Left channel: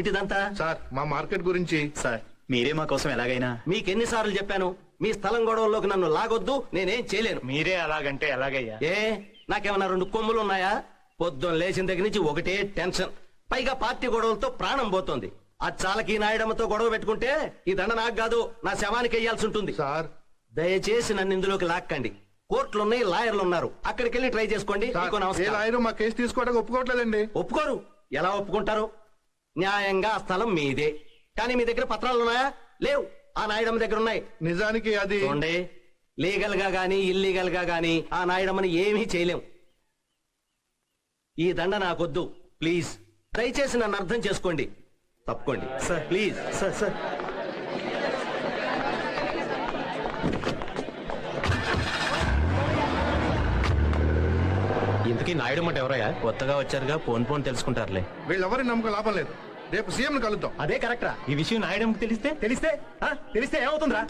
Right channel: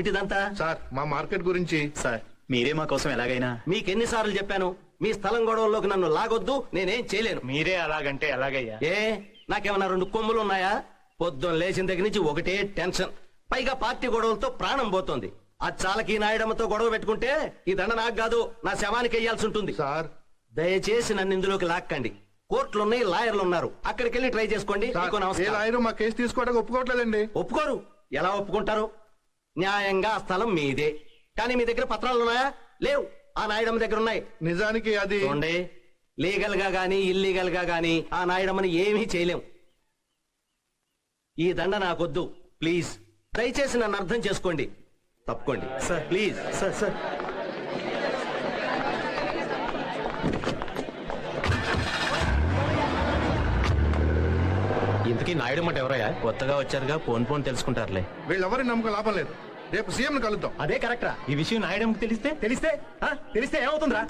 ఏమిటిదంతా? సార్ మా మార్కెట్ గురించి. సార్ మీరే మా కోసం ఎలాగైనా. మీకెన్నిసార్లు చెప్పాను మీ స్థలం గొడవల్లోకి నన్ను లాగొద్దు, నేనేం చేయలేను. మీరే అలాగంటే ఎలాగయ్యా? ఏ నాకేమన్నా 2 కొమ్ములు ఉన్నాయా? పొద్దున్న లేచిన దగ్గర నుంచి ఒకటే టెన్షన్, పైగా పార్టీ గొడవలతో ప్రాణం పోతోంది. ఆ చాలకి నాయడమ్మతో గొడవ పెట్టుకుంటే ఈ దండ నాకు కాదు, నా శవానికి వెయ్యాల్సి ఉంటుంది. సార్ దయచేసి నన్ను ఇందులోకి లాక్కండి. కోర్టులున్నాయి, లాయర్లు ఉన్నారు, అక్కడికి వెళ్ళి ట్రై చేసుకోండి. మీకు ఏ నమస్కారం. లాయరు మా కేసు తీసుకోవడానికి ఒప్పుకోవట్లేదండి. ఒప్పుకోరు? ఎలా ఒప్పుకుంటారు? న్యాయంగా ఆ స్థలం మీదే, కానీ మీ దగ్గర పత్రాలు ఉన్నాయా? లేవు. ఆ నాయుడమ్మ దగ్గర ఉన్నాయి. నిజానికి అది చూడండి, లీగల్ గా గానీ ఇల్లీగల్ గా గానీ ఆ నాయుడమ్మని ఏమీ చేయలేం. ఈ దండ నాకొద్దు, ప్లీజ్ దయచేసి నన్ను అర్థం చేసుకోండి. తప్పుకోండి సార్, ప్లీజ్. సార్ సార్ ఇంతకీ నాయుడు మాట ఎవరయ్యా? కొత్తగా వచ్చారుగా, ఫోన్ తెలుసుకుంటారులే. వీళ్ళెవరి నమ్మకం లాభం లేదు. రేపు సీఎం కలుద్దాం. అదే కరెక్టరా? ఈ విషయం నాయుడుకి తెలిస్తే ఏమవుతుందిరా?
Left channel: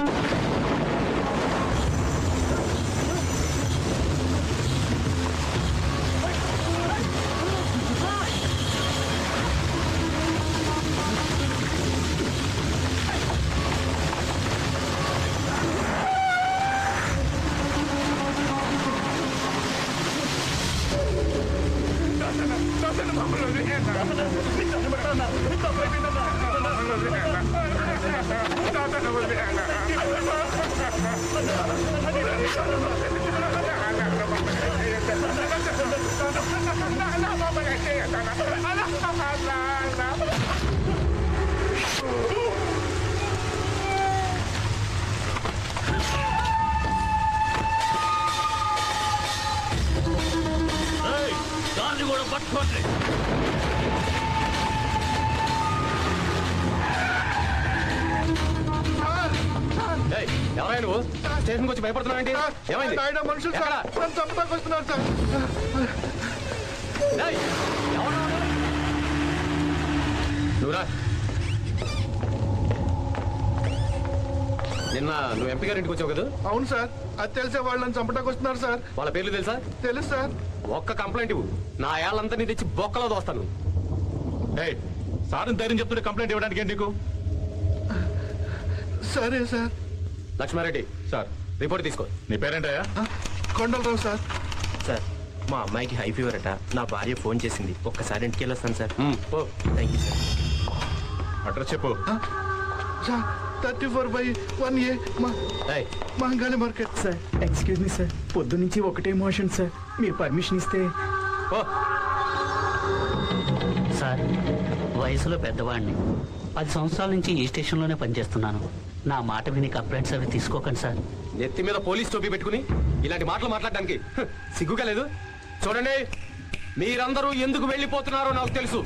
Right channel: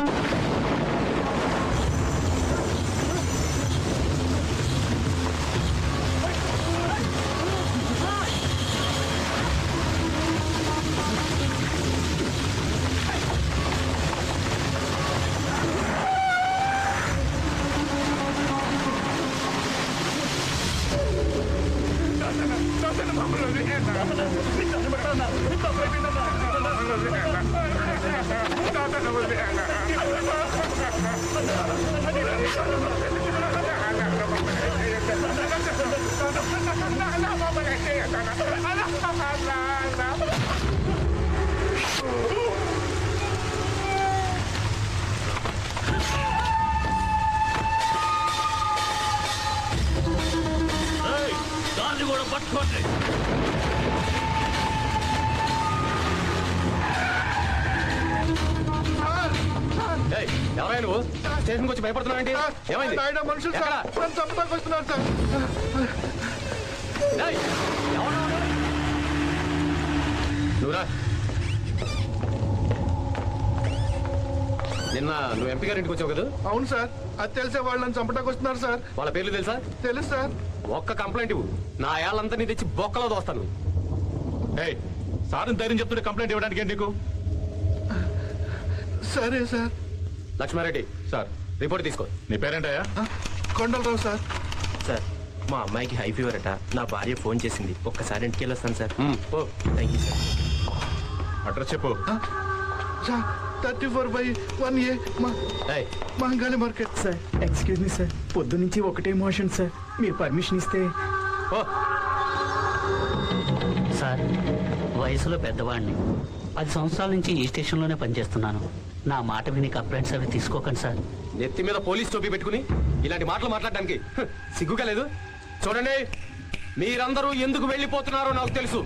ఎవరైనా నువ్వు స్టేషన్కి వచ్చి భయపడుతున్నావు? ఏమైంది? నాయుడు మనుషులు సార్, నన్ను చంపడానికి వస్తున్నారు సార్. నువ్వురా. నిన్న నువ్వు ఎంపీ గారి ఇంటికి వచ్చావు కదా? అవును సార్, అది తెలిసే వాళ్ళు నన్ను చంపడానికి వస్తున్నారు సార్. వాళ్ళ పేర్లు తెలుసా? తెలుసు సార్. ఒక్క కంప్లైంట్ ఇవ్వు, నా ఏళ్ళంతా నీ తెచ్చి బొక్కలో దోస్తాను. సార్ ధైర్యం చెప్తుంటే కంప్లైంట్ ఇవ్వడానికి నీకు? సరే సార్. లక్ష్మారెడ్డి సార్ రిపోర్ట్ తీసుకో. నీ పేరేంటయ్యా? కొండలరావు సార్. సార్ మా అమ్మాయికి హై ఫీవర్ అట, నా భార్య ఫోన్ చేసింది, ఒక్కసారి ఇంటికి వెళ్ళొస్తాను sir. Thank you sir. Address చెప్పు. Sir 34/1A Mangali market. Sir excuse me sir, పొద్దు నుంచి ఒకటే మోషన్ సార్, మీరు పర్మిషన్ ఇస్తే. సార్ వయసులో పెద్దవాడిని, 10 సంవత్సరాల నుంచి ఈ స్టేషన్లోనే పనిచేస్తున్నాను. నా మాట విని కంప్లైంట్స్ అవి తీసుకోకండి సార్. నెత్తి మీద పోలీస్ టోపీ పెట్టుకుని ఇలాంటి మాటలు మాట్లాడడానికి సిగ్గుగా లేదు? చూడండి, మీరందరూ ఎందుకు వెళ్ళిపోతున్నారో నాకు తెలుసు.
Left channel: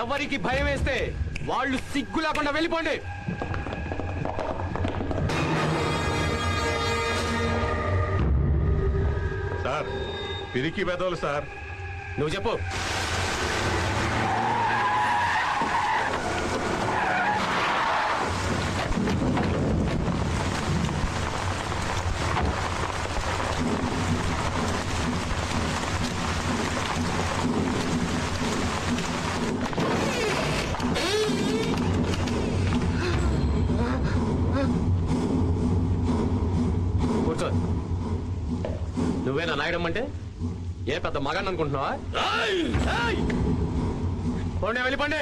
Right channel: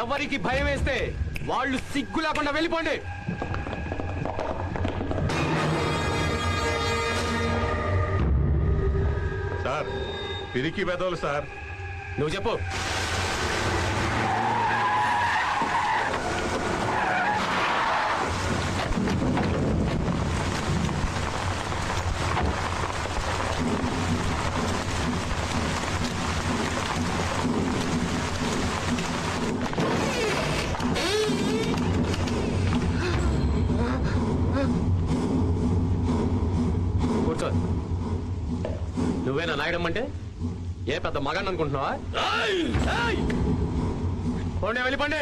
ఎవరికి భయం వేస్తే వాళ్ళు సిగ్గు లేకుండా వెళ్ళిపోండి. సార్ పిరికి పెదవులు సార్. నువ్వు చెప్పు. కూర్చో. నువ్వేనా నాయడమ్మంటే? ఏ పెద్ద మగాన్ని అనుకుంటున్నావా? పోండి, వెళ్ళిపోండి.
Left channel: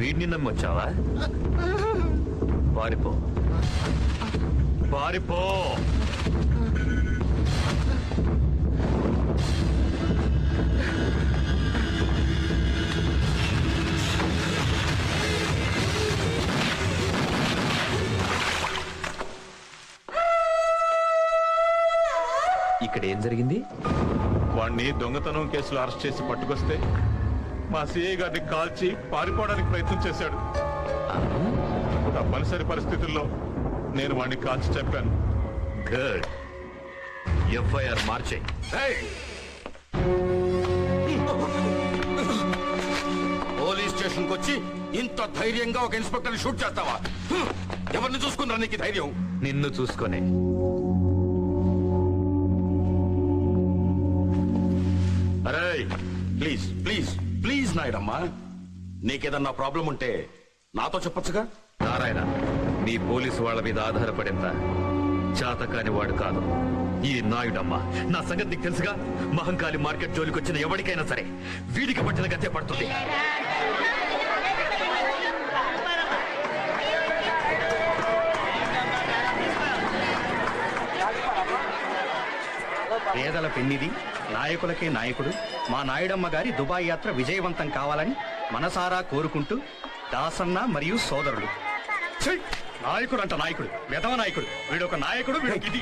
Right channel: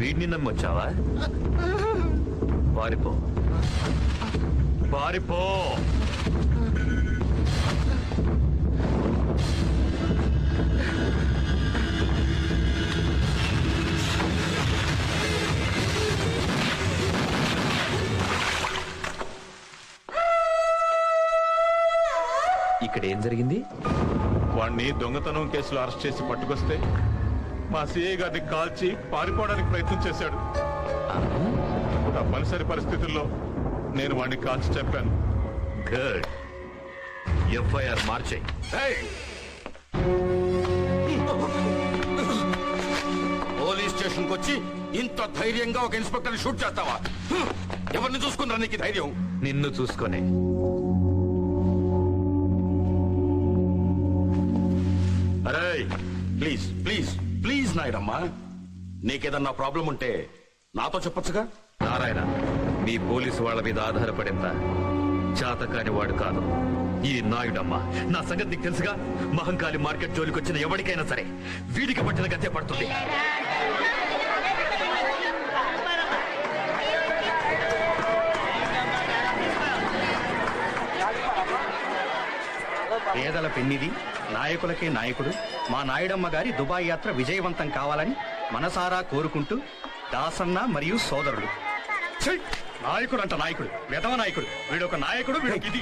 వీడిని నమ్మొచ్చావా? పారిపో పారిపో. ఇక్కడ ఏం జరిగింది? వాణ్ణి దొంగతనం కేసులో అరెస్ట్ చేసి పట్టుకొస్తే మా సిఐ గారిని కాల్చి పారిపోవడానికి ప్రయత్నం చేశాడు. తప్పనిసరి పరిస్థితుల్లో నేను వాణ్ణి కాల్చి చెప్పాను. గుడ్. ఎఫ్ఐఆర్ మార్చే. పోలీస్ స్టేషన్ కి వచ్చి ఇంత ధైర్యంగా ఒక ఇన్స్పెక్టర్ షూట్ చేస్తావా? ఎవరిని చూసుకున్నా నీకు ఈ ధైర్యం? నిన్ను చూసుకొని అరే ప్లీజ్ ప్లీజ్ ప్లీజ్ నాయుడమ్మా, నీకేదన్నా ప్రాబ్లం ఉంటే నాతో చెప్పొచ్చుగా. నారాయణ, మీ పోలీసు వాళ్ళ మీద ఆధారపడిందా? చాతకాని వాడు కాదు ఈ నాయుడమ్మ. నా సంగతి నీకు తెలుసుగా. మహంకాళి మార్కెట్ జోలికి వచ్చిన ఎవరికైనా సరే వీడికి పట్టిన గతే పడుతుంది. పేదల పెన్నిది, నాయకులకే నాయకుడు మా నాయుడమ్మ గారి దుబాయ్ యాత్ర విజయవంతం కావాలని మనసారా కోరుకుంటూ దాసన్న మరియు సోదరుడు. ఛీ! నాయకుడు అంట నాయకుడు, విధవ నాయకుడు. వీడు ఒక నాయకుడు, వీడికి ఇది.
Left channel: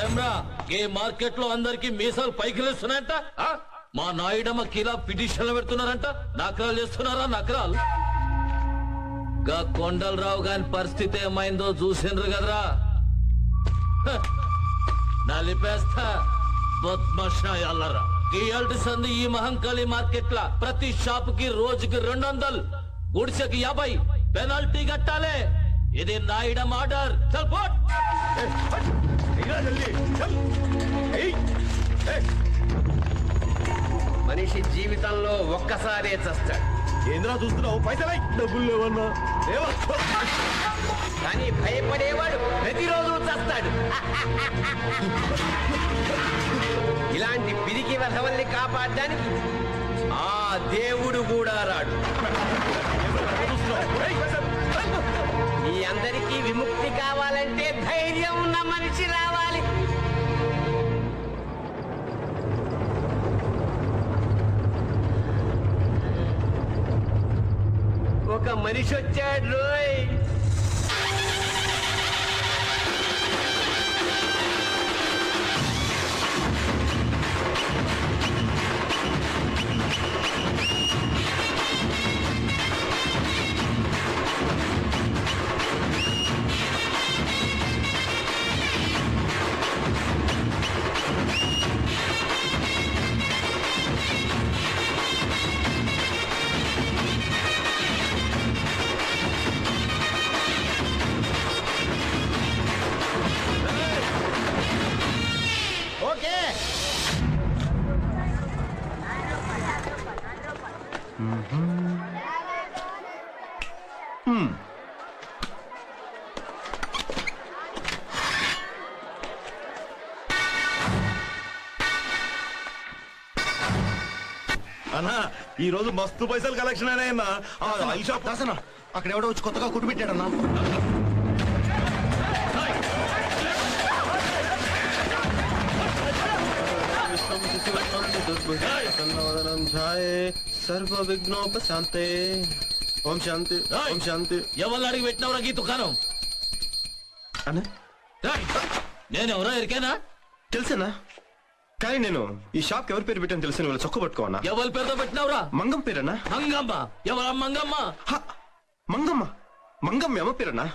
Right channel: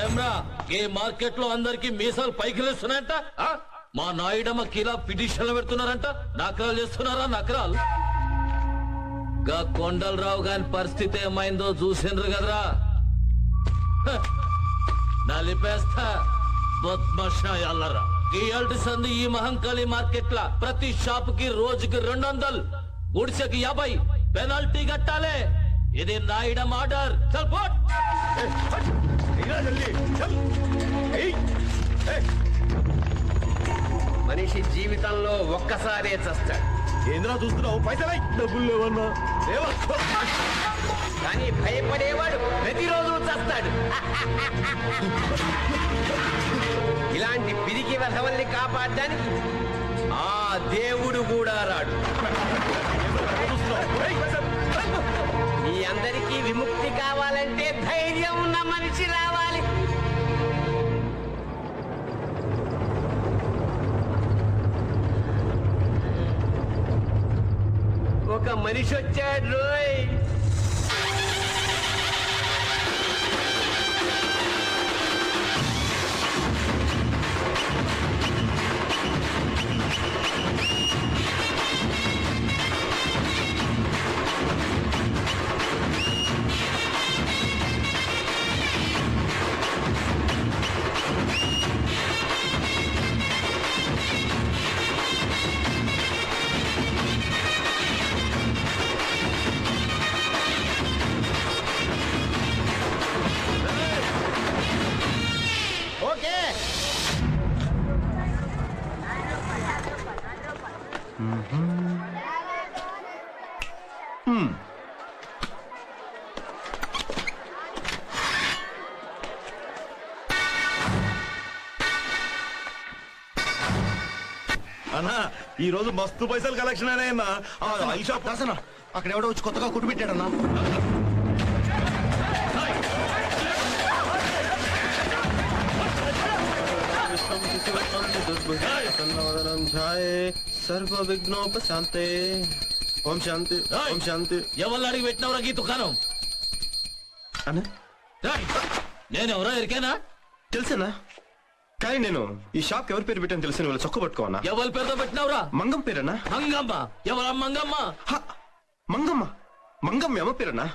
ఏమ్రా ఈ మార్కెట్ లో అందరికి మీసాలు పైకి లేస్తున్నాయంట. మా నాయుడమ్మ కిలా పిటిషన్లు పెడుతున్నారంట. నకరాలు చేస్తున్నారా? నకరాలు. గా కొండలరావు గారి పరిస్థితి ఏమైందో చూసిండ్రు కదరా. నలిపేస్తా బద్మాషాయాలరా. ఈ అల్టి సంది ఈ మహంకాళి మార్కెట్ లా ప్రతి షాప్ కి రోజుకి 200, గుడిసెకి 50 పెనాల్టీ కట్టాలి. ఇది నాయుడమ్మ ఆర్డర్. చల్ పోట్. మనిషి జీవితంలో ఒక్కసారే చస్తాడు. ఏంద్రా చూస్తున్నావు? పైసలై డబ్బులు లేవన్నా కానీ భయపడేవాడు ప్రతిరోజు చస్తాడు. ఇలాంటి పిరికి వధవల్ని కాపాడడానికి ఆ దేవుడు కూడా రాడు. ఈ అందరికీ విముక్తి కావాలంటే ధైర్యం ఉన్న మనిషి రావాలి. ఒక మనిషి వచ్చాడు రోయ్. అన్నా, ఈ రోజు మస్తు పైసలు కలెక్షన్ అయినాయన్నా. ఈ షాప్ దాసనా అక్కడ ఎవడో వచ్చి కొత్తగా కుట్టు పెట్టాడన్నా. సర్వ విఘ్నోపశాంతే. ఓం శాంతి, ఓం శాంతి. ఎవరు అడిగి పెట్టినవరా ఈ దుకాణం? అన్నా నేను ఎవరో ఎరికేనా? తెలుసన్నా, కానీ నేను ఈ షాప్ ఎవరి పేరు పెట్టాను తెలుసు. వాళ్ళు చొక్క పట్టుకోవన్నా. ఎవరి పేరుతో పెట్టినవరా? మంగం పేరన్నా. మంగమ్మ. ఎవరా మంగమ్మ? మంగమ్మ. మంగమ్మ ఎమ్మ పేరన్నా.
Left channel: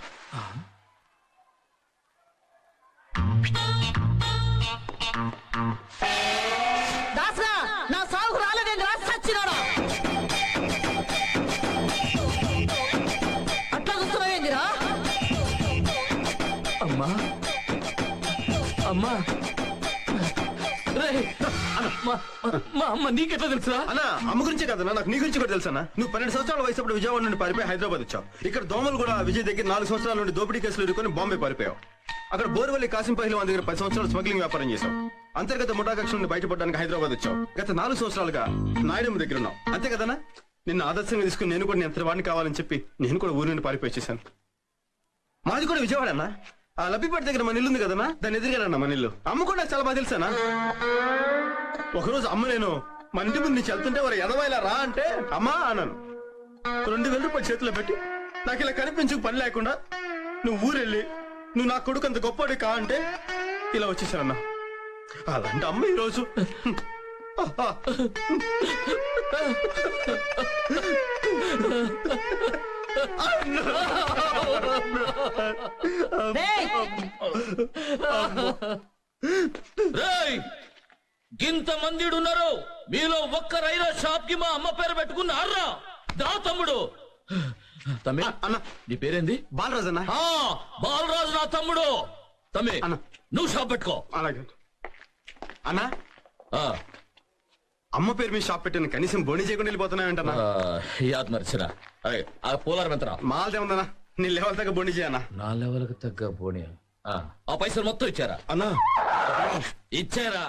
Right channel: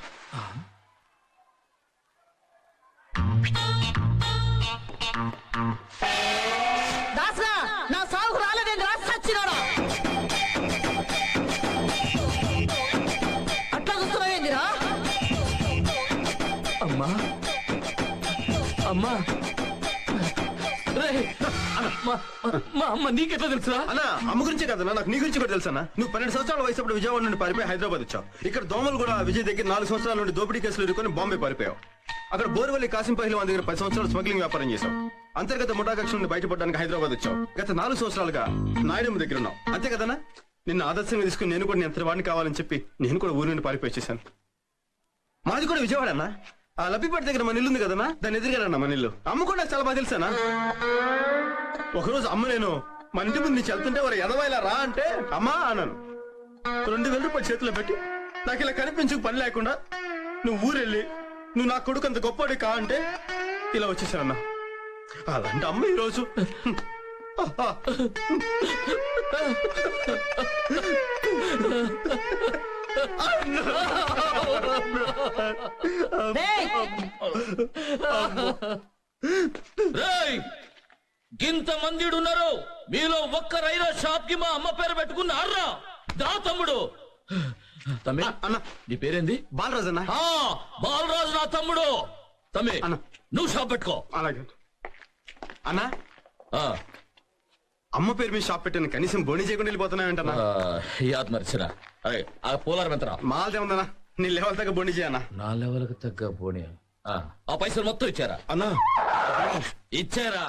నా సాగు రాలేదండి. రాసి చచ్చినాడు. అట్లా చూస్తున్నావేంటిరా? అమ్మా అమ్మా మా అమ్మ నీకెట్లా తెలుసురా? అన్నా అమ్మ గురించే కదన్నా, నాకు నీ గురించి కూడా తెలుసన్నా. నువ్వు 12 సంవత్సరాల వయసు అప్పుడు విజయవాడ నుండి పారిపోయి హైదరాబాద్ వచ్చావు. ఇక్కడ దోమలు కూడా విజయ్ దగ్గర 4 సంవత్సరాల నుండి దోపిడీ కేసులు ఎదుర్కొని బాంబే పారిపోయావు. అక్కడ బోర్వల్లి కాసిం పహల్వాన్ దగ్గర 10 సంవత్సరాలు స్మగ్లింగ్ వ్యాపారం చేశావు. అంతర్గత ముఠాకక్ష నుండి బయటపడడానికి హైదరాబాద్ వచ్చావు. గత 4 సంవత్సరాలుగా నాయుడమ్మ దగ్గర ఉన్నావు. అంతే కదన్నా? నిన్ను ఆదర్శంగా తీసుకుని నేను కూడా ఎంత వాడిని కావాలని చెప్పి నేను కూడా ఊరి నుండి పారిపోయి చేశాను. మాది కూడా విజయవాడ అన్నా. ఆ లబ్బిపేట దగ్గర మన ఇల్లు ఉంది కదన్నా, దాన్ని ఎదురుగానన్నా మన ఇల్లు. అమ్మ కూడా చాలా బాగా తెలుసానా. ఒకరోజు అమ్మ నేను మన ఇంటి ముందు నుంచి వెళ్తుంటే వారు ఎదవాయిలా రా అంటే అమ్మా అన్నాను. 2000 రూపాయలు చేతిలో పెట్టి నాకు ఇలా కనిపించక పని లేకుండా నువ్వు ఊరెళ్ళి నువ్వు నా కొడుకు అంత గొప్పవాడి కా అంటే ఇలా వచ్చేసానన్నా. అలాంటి అమ్మ ఈరోజు రేయ్ గింత మంది ఉన్నారు మీలో ఒక్కరైనా షాప్ కి మా అమ్మ పేరు పెట్టుకున్నారా దా తమ్ముడు తమ్మి అన్న నీ పేరేంది బాలరాజ్ అన్న. ఆ బాలరాజు నా తమ్ముడు తమ్మి అన్న. నువ్వు షాప్ పెట్టుకో అలాగే అన్న. ఆ, అమ్మ పేరు మీద షాప్ పెట్టాను, కనీసం బోని చేయకుండా వెళ్ళిపోతున్నాయంటన్నా. యాద్ మరిచిన ఆ పోలారం ఎంతరా మాల్దే ఉందన్నా, నీ లెవెల్ దగ్గర బోని చేయన్నా. నా లెవెల్కి తగ్గ పోనీ ఆ పైసలు మొత్తం ఇచ్చారా అన్నా ఇచ్చారా